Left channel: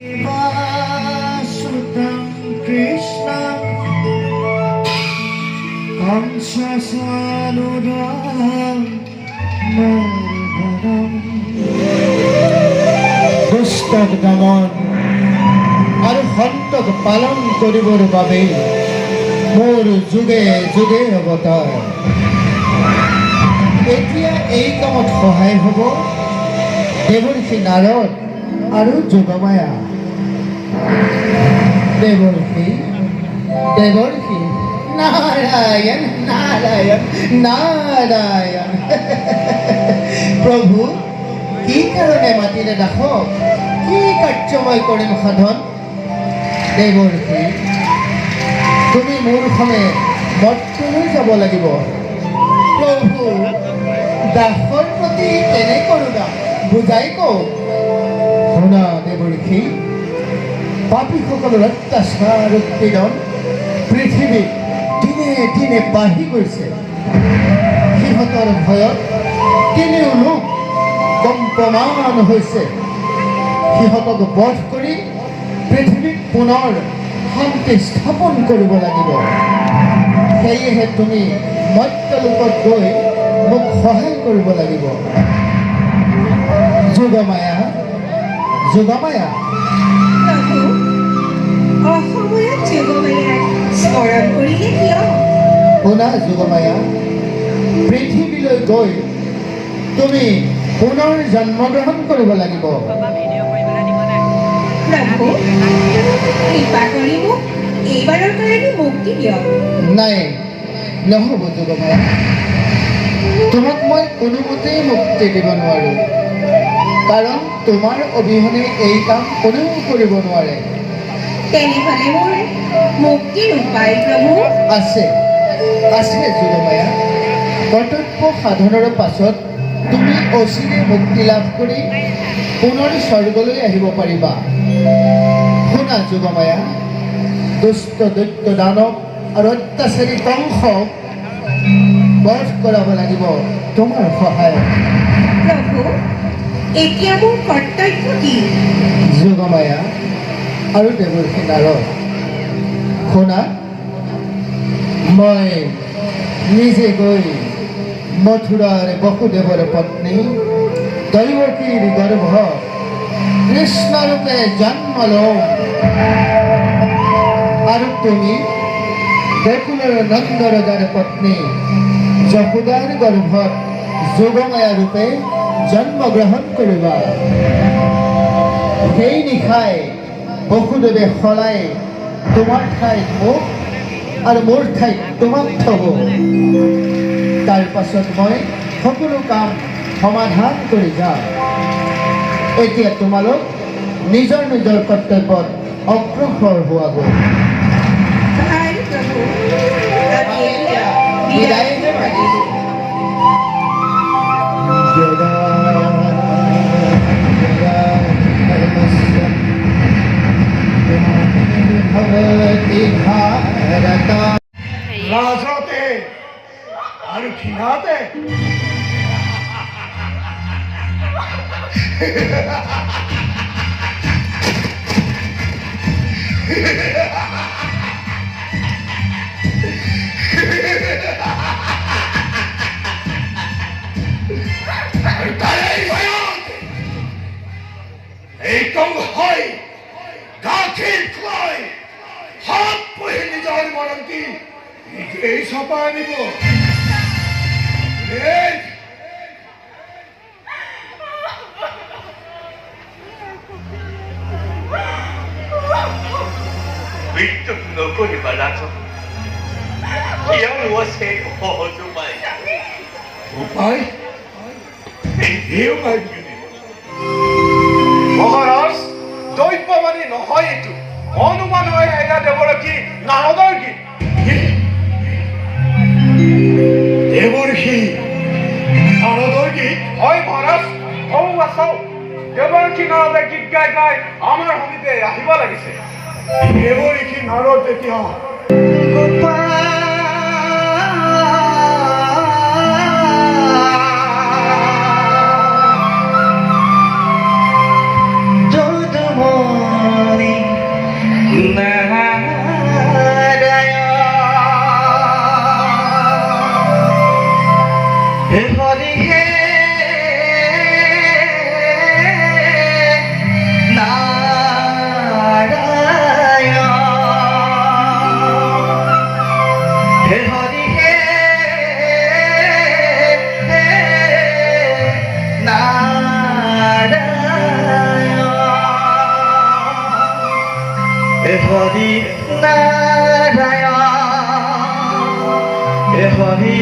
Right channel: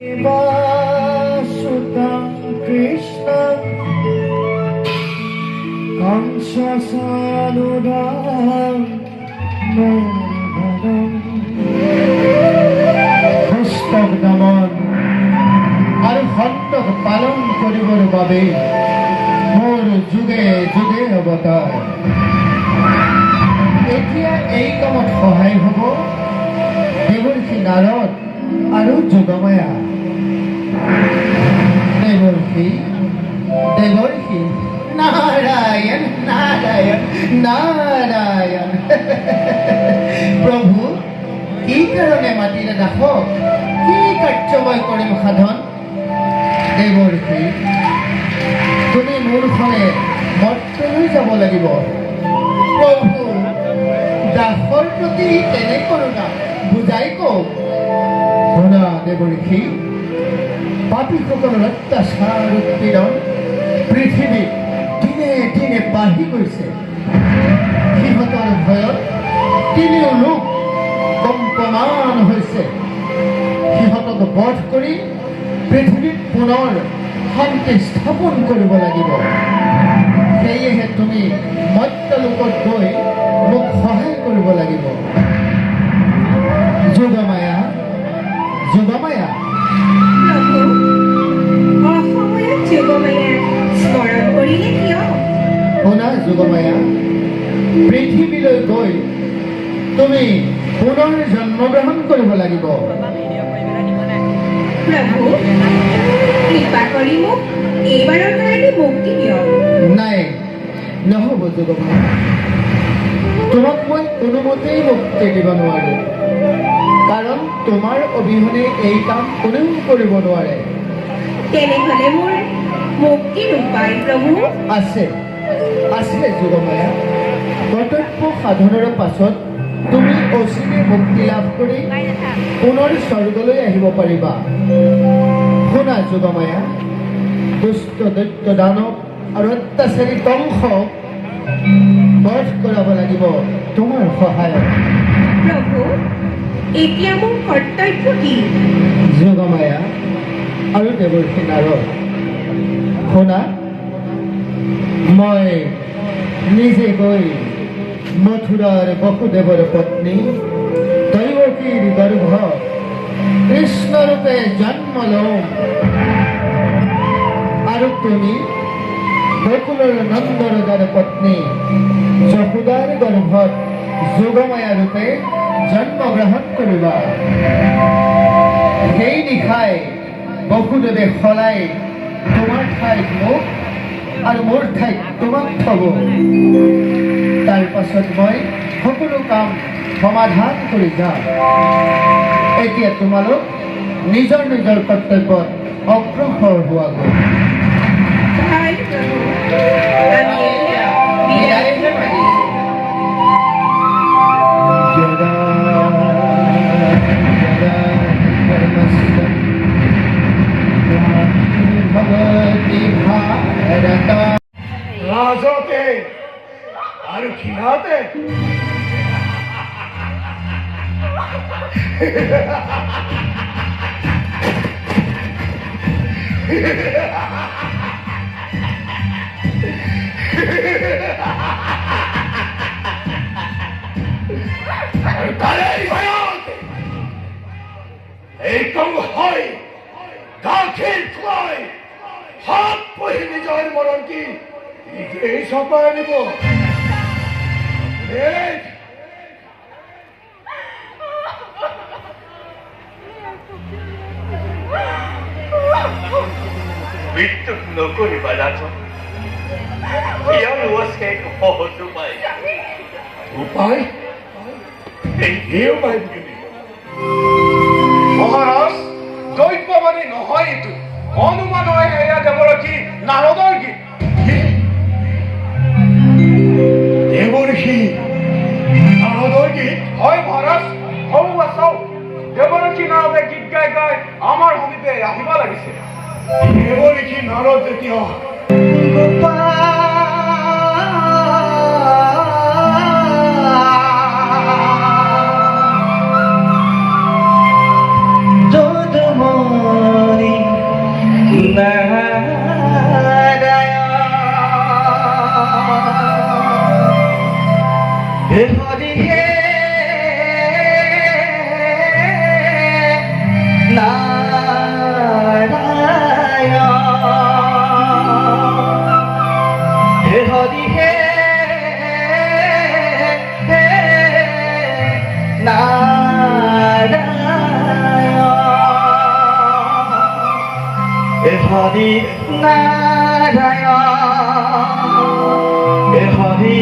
Sutam Krishna Amsasanudam Madharam Dushtak Daman আৰ হন্তক পালন কৰিবৰ বাবে মোৰ যুগে যুগে অৱতাৰ। এতিয়া এই কামত সহায় হ'ব দেৱৰ্ষি নাৰদ আৰু যোগমায়া। দেৱৰ্ষি দেৱৰ্ষি নাৰায়ণ নাৰায়ণ নাৰায়ণ। প্ৰভু কি কাৰণে মাতিলে নাখক, কি কাৰ্য মই কৰিম সাধন। দেৱৰ্ষি তুমি মোৰ সঙ্গে মৰ্ত্যলৈ যাব লাগিব। প্ৰভু দাসৰ প্ৰতি কেনে কৰোগা বুজাই কওক। শুনা দেৱৰ্ষি, পাপীসকলৰ অত্যাচাৰ উৎপীড়ন পৃথিৱীত দিনে দিনে বাঢ়ি গৈছে। সিহঁতৰ ভয়ত তিনিও লোক কম্পমান হৈছে। সিহঁতক বধ কৰি পৃথিৱীত পুনৰ শান্তি স্থাপন কৰিব লাগিব। সেয়েহে তুমি মৰ্ত্যলোকত গৈ মোক সহায় কৰিব লাগিব। যোগমায়া যোগমায়া। প্ৰভু, অসময়ত যোগমায়াক স্মৰণ কৰিলে কিয়? শুনা যোগমায়া, পৃথিৱীলৈ গৈ তুমি পুনৰ জন্মগ্ৰহণ কৰিব লাগিব। প্ৰভু, কৃপা কৰি মোক এইবাৰৰ কাৰণে মুক্তি দিয়ক। নাই, নহ'ব যোগমায়া, তোমাক মই কোনোমতেই মুক্তি দিব নোৱাৰো। কাৰণ তোমাৰ অবিহনে এই কাম কোনেও কৰিব নোৱাৰে। তেনেহ'লে মোৰ মুক্তিৰ উপায় প্ৰভু? আছে আছে যোগমায়া। কৰ্তব্য সাধনৰ পাছত তুমি অচিৰে মুক্তি লাভ কৰি পুনৰ স্বৰ্গলৈ আহিব পাৰিবা। শুনা যোগমায়া, দুষ্ট দৈত্য দানৱ আৰু অত্যাচাৰী কংসক বধ কৰাব লাগিব তোমাৰ সহায়ত। প্ৰভু, এতিয়া মোৰ কৰ্তব্য কি? যোগমায়া আৰু দেৱৰ্ষি নাৰদ, শুনা, মই নিজে গৈ মথুৰাৰ বসুদেৱৰ পত্নী দৈৱকীৰ গৰ্ভ কৃষ্ণৰূপে জন্ম লম। আৰু তুমি গোকুলৰ নন্দ ৰজাৰ পত্নী যশোদাৰ গৰ্ভত যোগমায়া ৰূপে জন্মগ্ৰহণ কৰিবা। সেই নিশাই বসুদেৱে সলাই তোমাৰ ঠাইত মোক আৰু মোৰ ঠাইত তোমাক থব। তাৰ পাছত মই সকলো কাম সমাধান কৰি যাম। এতিয়া তোমালোক নিজৰ নিজৰ কৰ্তব্যত অগ্ৰসৰ হোৱাগৈ। ভাল প্ৰভু, আমি এতিয়া বিদায়হে মাগিছোঁ। মাজতে আৰু ক্ষীণতে এই কংসই গাখীৰ খুৱাই হাত পহি নিজৰ মৰমটি নিজেই চপাই আনিব। মৃত্যু নকৰিবা ৰাজন, ইয়াৰো আছে সহজ উপায়। উপায়? এই উপায় মহাৰাজ, দৈব্য মানে নহয় এইটো, অনুমান হয়। এয়া দেৱৰ্ষি নাৰদৰ গীত। দেৱৰ্ষি নাৰদৰ গীত? হয় মহাৰাজ, হওঁ চাওঁ, দেৱৰ্ষি নাৰদে গীত গাই গাই আমাৰ সমিতে আহিব লাগিছে। দেৱৰ্ষি নাৰদ যেতিয়া হে হরি হে নারায়ণ হে হরি হে নারায়ণ হে হরি নারায়ণ হে হরি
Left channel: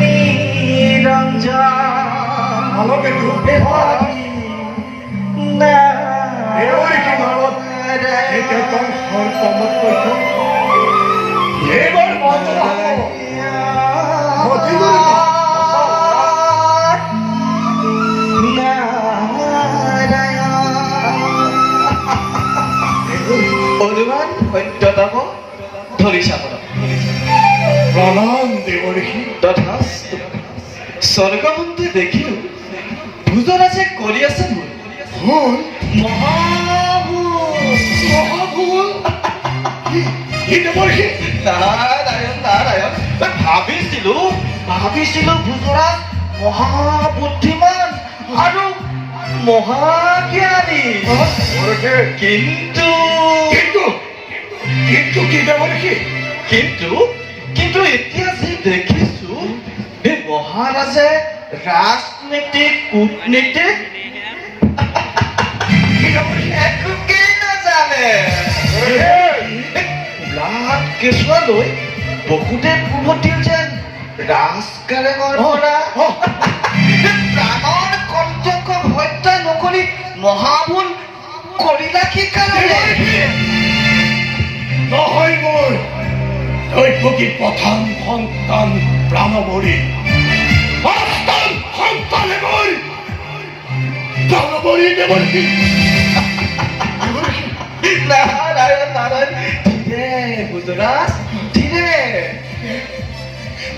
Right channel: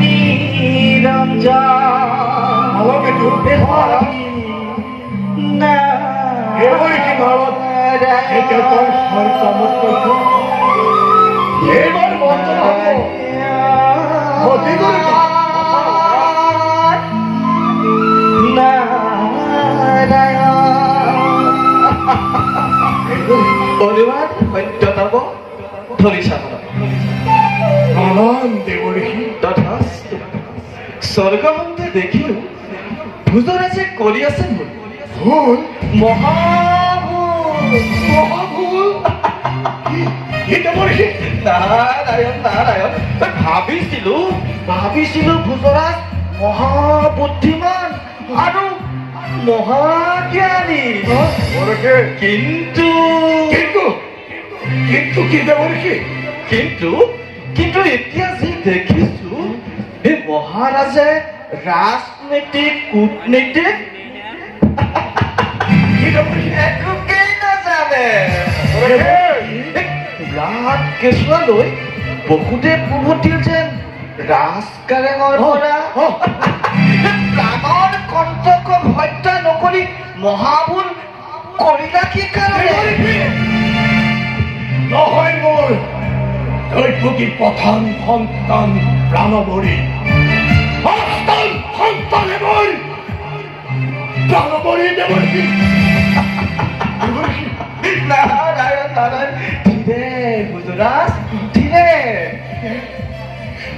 নিরঞ্জন আমাকে তো হে হরি এবারে কি ভালো এটা তোর সর্বমুক্ত এবার বঞ্চনা হলো অভিমান সত্যতম ধৰিছাব প্ৰণাম দেবৰ্ষি তথাস্তু স্বৰ্গমন্ত্ৰী দেখিও দুজনে যে কৰি আছে ভুল মহাভূল মহাভুল কি দেবৰ্ষি নাৰায়ণ নাৰায়ণ ভাবিছিলো ভূজৰাজ মহাবুদ্ধিমান আৰু মহাজ্ঞানী কিন্তু কিন্তু কিন্তু কি দেবৰ্ষি কিন্তু এতিয়া যে দেখিছো এই মহাৰাজে ৰাজনীতিক কূটনীতিক কি দেবৰ্ষি একোকেই নাজানে ব্লাড কেঁচুৱালৈ বহুতে উভতিল যেন ৰাজকাৰেঙৰ পৰা ডাঙৰ কৰ্তব্য হত্যা নকৰি মহাভুল কৰিলা কি কাৰণে নহয় মোৰ দৈৱকী প্ৰধান সন্তান প্ৰাণবৰী সন্তানে মোৰ প্ৰাণবৰী দেৱৰ্ষি নাৰায়ণ নাৰায়ণ ধীৰে গুজৰাজ ধীৰে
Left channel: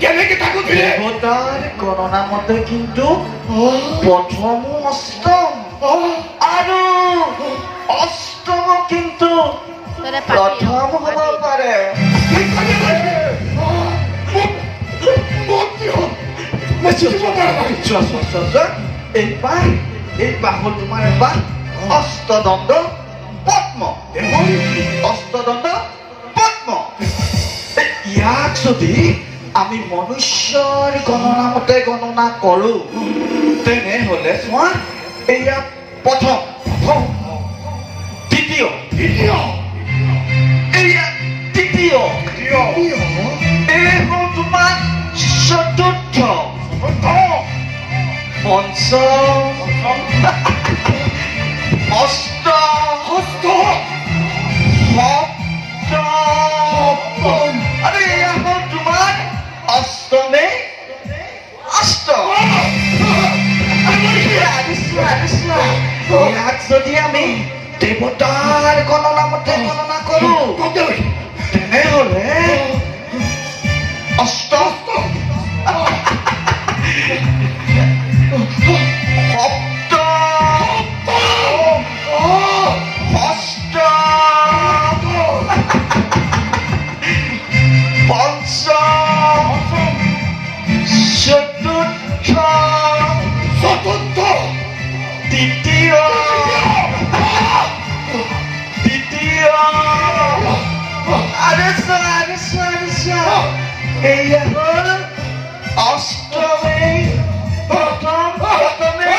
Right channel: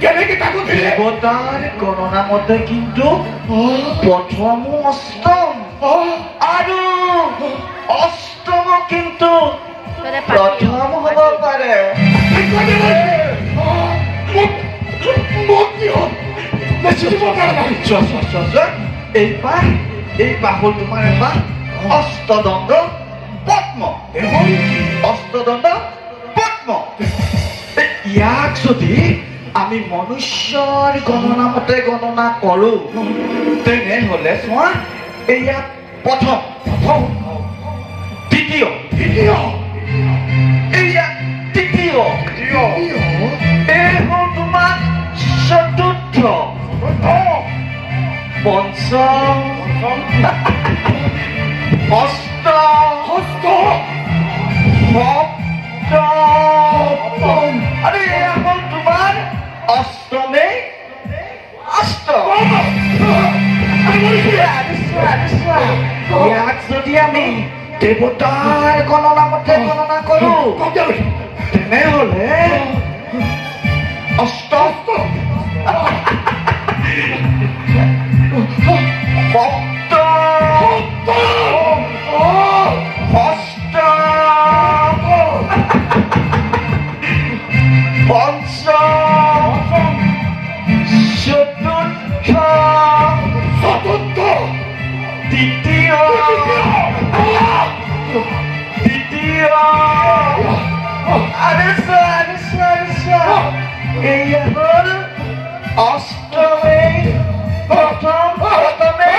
কেনেকে তাকো দিলে দেৱতাৰ গণনা মতে কিন্তু প্ৰথম অষ্টম আৰু অষ্টম কিন্তু প্ৰথম হ'ব পাৰে এই বাহু তোমাৰ এবাৰ অষ্টদণ্ড পদ্ম অষ্টদণ্ড পদ্ম ইয়াক যদি আমি মনুষ্যৰ গণনা মতে গণনা কৰো তেনেহলে চোৱা এয়া প্ৰথম দ্বিতীয় এয়া তৃতীয় এই হ'ল তোমাৰ চতুৰ্থ পঞ্চম অষ্টম সপ্তম আৰু এয়া হ'ল তোমাৰ অষ্টমে অষ্টম ইয়াক যদি আমি দেৱতাৰ গণনা মতে গণনা কৰো তেনেহলে অষ্টম এয়া হ'ল অষ্টমে প্ৰথমে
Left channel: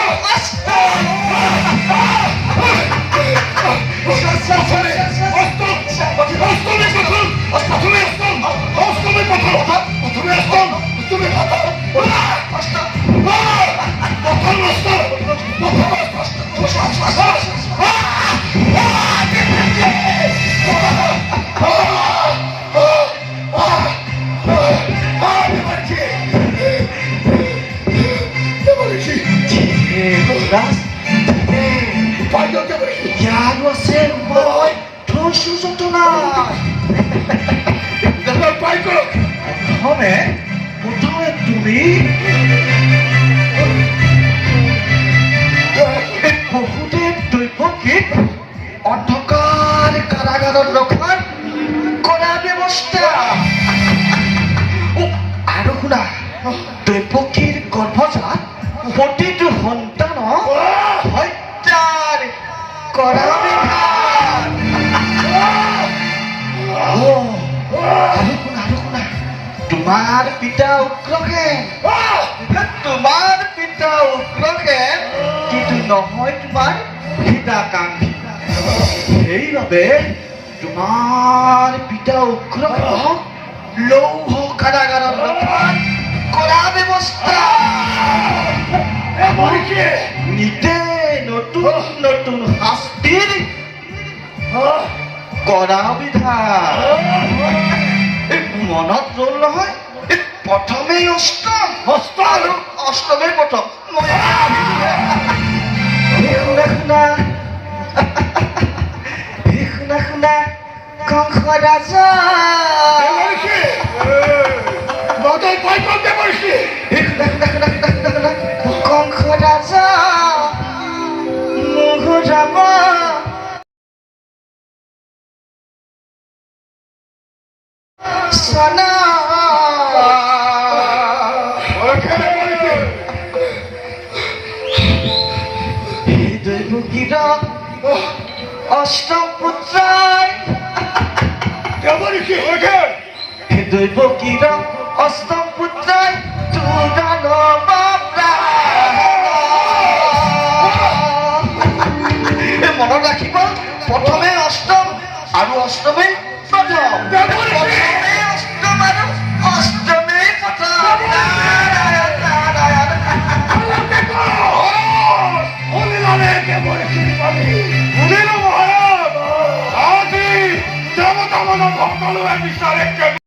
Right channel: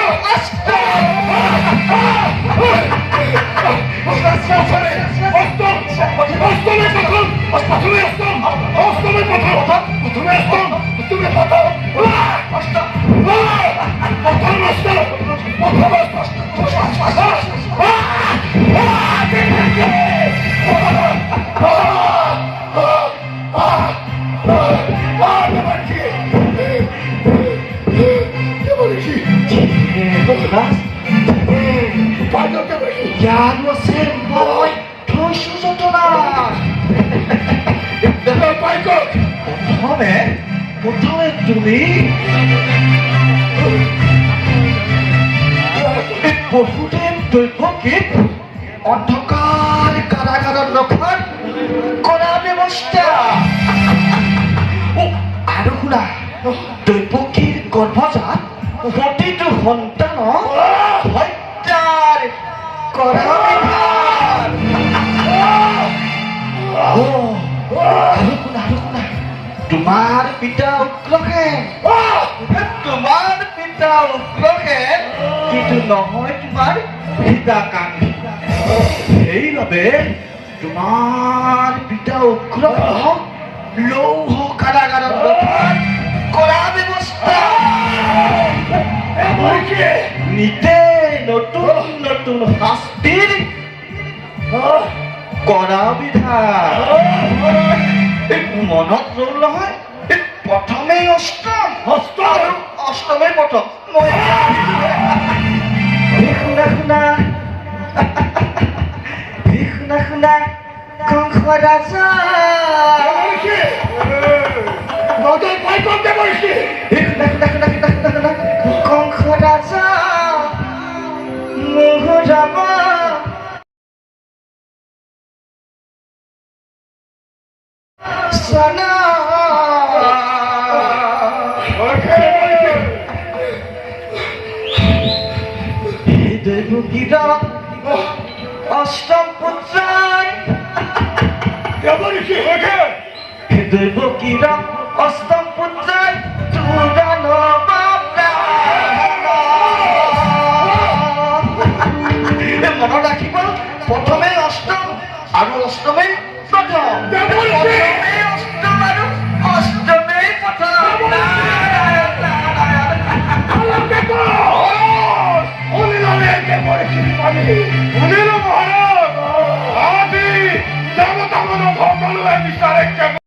ইয়াৰ আছে মই থৈছো যতনা প্ৰথমে তুমি বহুতে দৈৱকীক অন্ধকাৰ কাৰাগাৰত ৰখাত সেইবাবে তোমাৰ পিতা উগ্ৰবাহক লৌহ কাৰাগাৰত ৰখাৰ কৰা ব্যৱস্থা নিতে নতুন নতুন শাস্তিৰ কৰা বিধান মনত ৰল নহয় প্ৰথমেই অষ্টম আৰু অষ্টমেই প্ৰথম শুনা শুনা শুনা শুনা কংস ৰাজা কংস ৰাজা মোহ ৰামা সোনা দৈবকীর অষ্টম পুত্রায় দৈবকীর অষ্টম পুত্রায় চূড়ন মনত রাখিব প্রথমে অষ্টম আর অষ্টমে প্রথম অষ্টম আর অষ্টমে প্রথম জনতা মন সকলোৱে বিচাৰে